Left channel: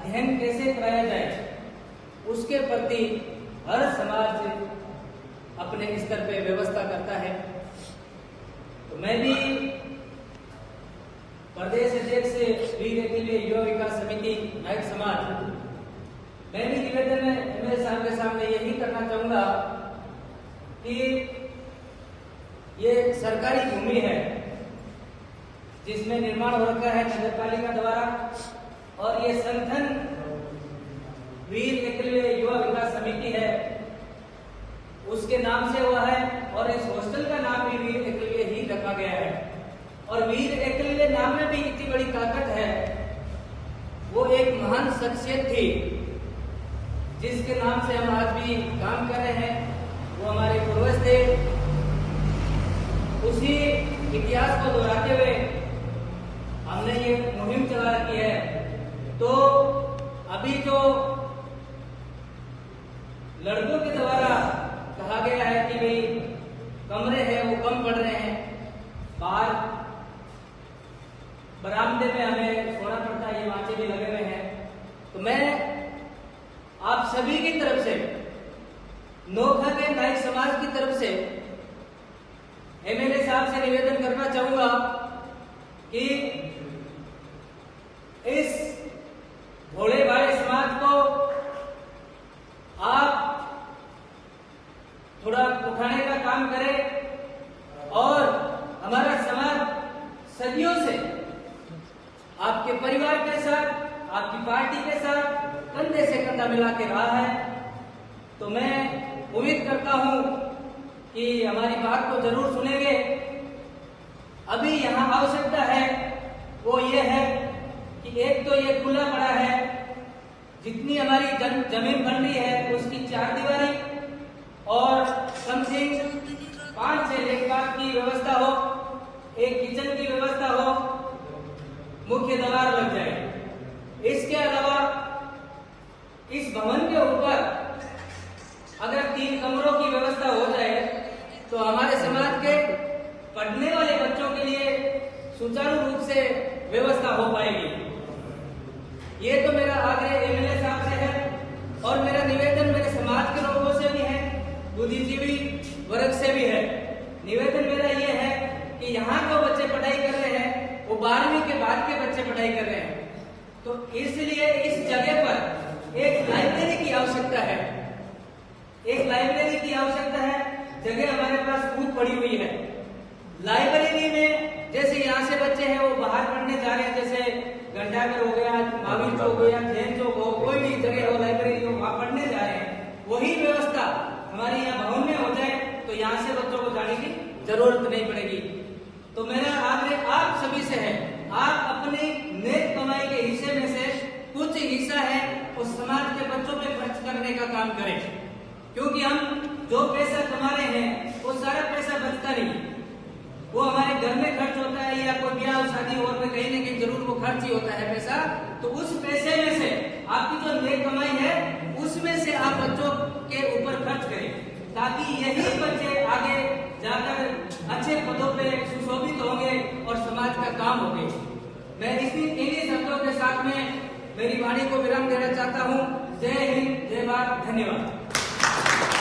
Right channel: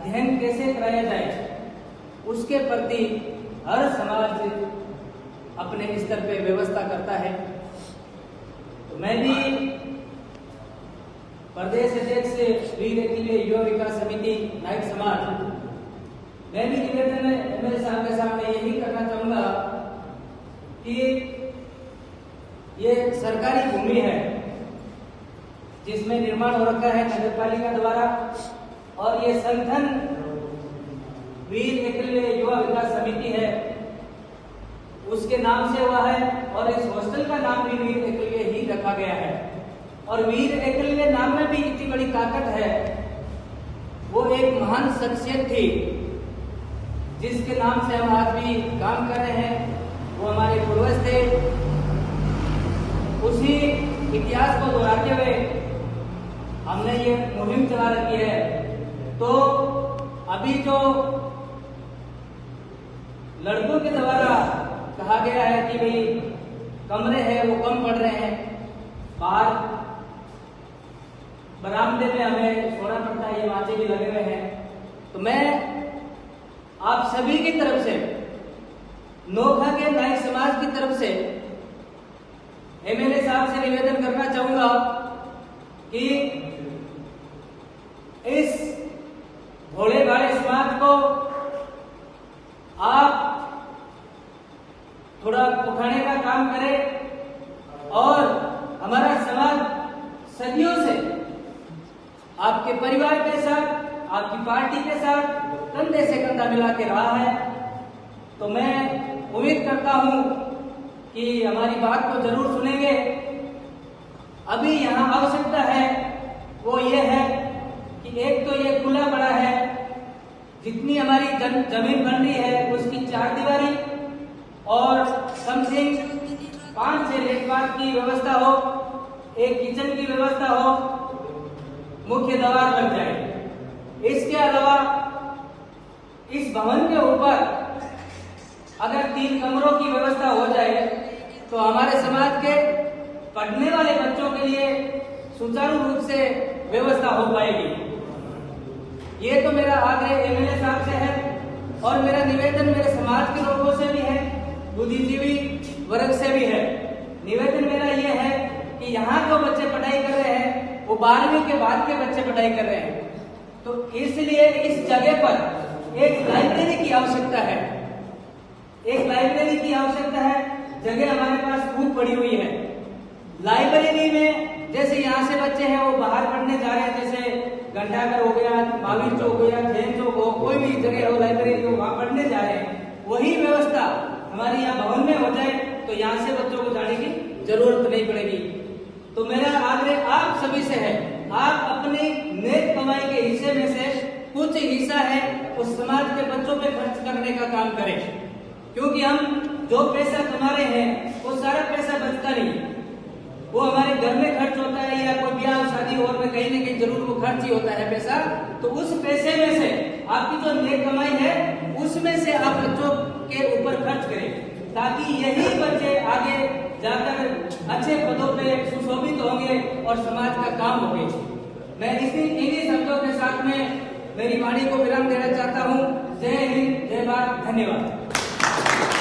अध्ययन कैसे कराया जाए उसके प्रति हर समाज अपने स्तर पर व्यवस्था करता है। तो मैं भी प्रदेश अध्यक्ष वीर के युवा विकास समिति नायक समाज, मैं भी निवेदन मेरे के सामने यही करना चाहूंगा कि ये सरकारी भूमि है जिसमें निर्माण हो रखा है नगर पालिका द्वारा, और ये संगठन वीर एकलव्य युवा विकास समिति है, उसके नाम से हुआ है और इस हॉस्टल का नाम भी वीर एकलव्य ही रखा गया है। और वीर एकलव्य नाम में भी इतनी बड़ी ताकत है, वो एक महान शख्सियत थी जिसके नाम से हम आज भी काम कर रहे हैं। वो हमारे पूर्वज थे, उसी इतिहास को दोहराते हुए हमने ये मुहिम चला रखी है। तो अभी तो लड़कों के द्वारा कहा गया है कि भाई कमरे हैं वो कम पड़ रहे हैं, बाहर बरामदे में हमें सोना पड़ता है, ये माचे भी लगे हुए हैं। तो मैं आप सभी की तरफ से, नोखा के नायक समाज की तरफ से एमएलए साहब से निवेदन करना चाहूंगा कि इस भोले भाले समाज को आप थोड़ा उठाने का काम करें और हमारा समाज सदियों से आपके परिवार के साथ, आपकी पार्टी के साथ कंधे से कंधा मिला के रहा है। तो मैं उम्मीद करता हूं कि हमारी बात को जरूर सुनेंगे। अभी यहाँ आवश्यकता है वो ये है कि एक तो ये खुला पड़ा है, जितनी हमारी जमीन बन रही है उसकी 4 दीवारी और कम से 5 से देखभाल की व्यवस्था हो, एक किचन की व्यवस्था हो, मुख्य द्वार बन जाए। इसके अलावा इस भवन के ऊपर अगर 3 कमरों की व्यवस्था हो जाए तो हमारे समाज के पढ़ने वाले बच्चों के लिए सुचारू रूप से व्यवस्था हो पाएगी। ये तो मेरा आग्रह एमएलए साहब से है और मेरा निवेदन मेरे समाज के लोगों से भी है, बुद्धिजीवी वर्ग से भी है। निवेदन मेरा ये है कि यहाँ जो बच्चे पढ़ाई कर रहे हैं वो 12वीं के बाद के बच्चे पढ़ाई कर रहे हैं, तो इसलिए इस जगह पर एक लाइब्रेरी की आवश्यकता है। एक लाइब्रेरी की आवश्यकता है। जगह हमारे पास खूब पड़ी हुई है। लाइब्रेरी में जैसे यहाँ से बच्चे हैं वो बाहर पढ़ने जा रहे हैं, जैसे घंटाघर हो गया, महावीर चौक हो गया, जैन चौक हो, कोई भी जगह हो लाइब्रेरी हो, वहां पढ़ने जा रहे हैं, वही व्यवस्था हमारी यहाँ भवन में हो जाए तो यहाँ से बच्चों को जाने की जरूरत नहीं पड़ेगी। तो मेरा आग्रह आप सभी से है, आप अपनी नेक कमाई के हिस्से में से कुछ हिस्सा है उस समाज के बच्चों पे खर्च करने का काम करें, क्योंकि हम जो पैसा कमा रहे हैं वो सारा पैसा बचता नहीं, वो हमारे घर में खर्च होता है या कोई ब्याह शादी और में कहीं न कहीं जरूर वो खर्च ही होता है पैसा। तो उस पैसे में से आपकी जो नेक कमाई है उसमें से आप बच्चों के ऊपर खर्च करें, ताकि यही बच्चे आगे जाकर अच्छे पदों पे सुशोभित होंगे और समाज का काम होंगे। मैं इन्हीं शब्दों के साथ में मेरी वाणी को विराम देना चाहता हूँ। जय हिंद, जय भारत, धन्यवाद।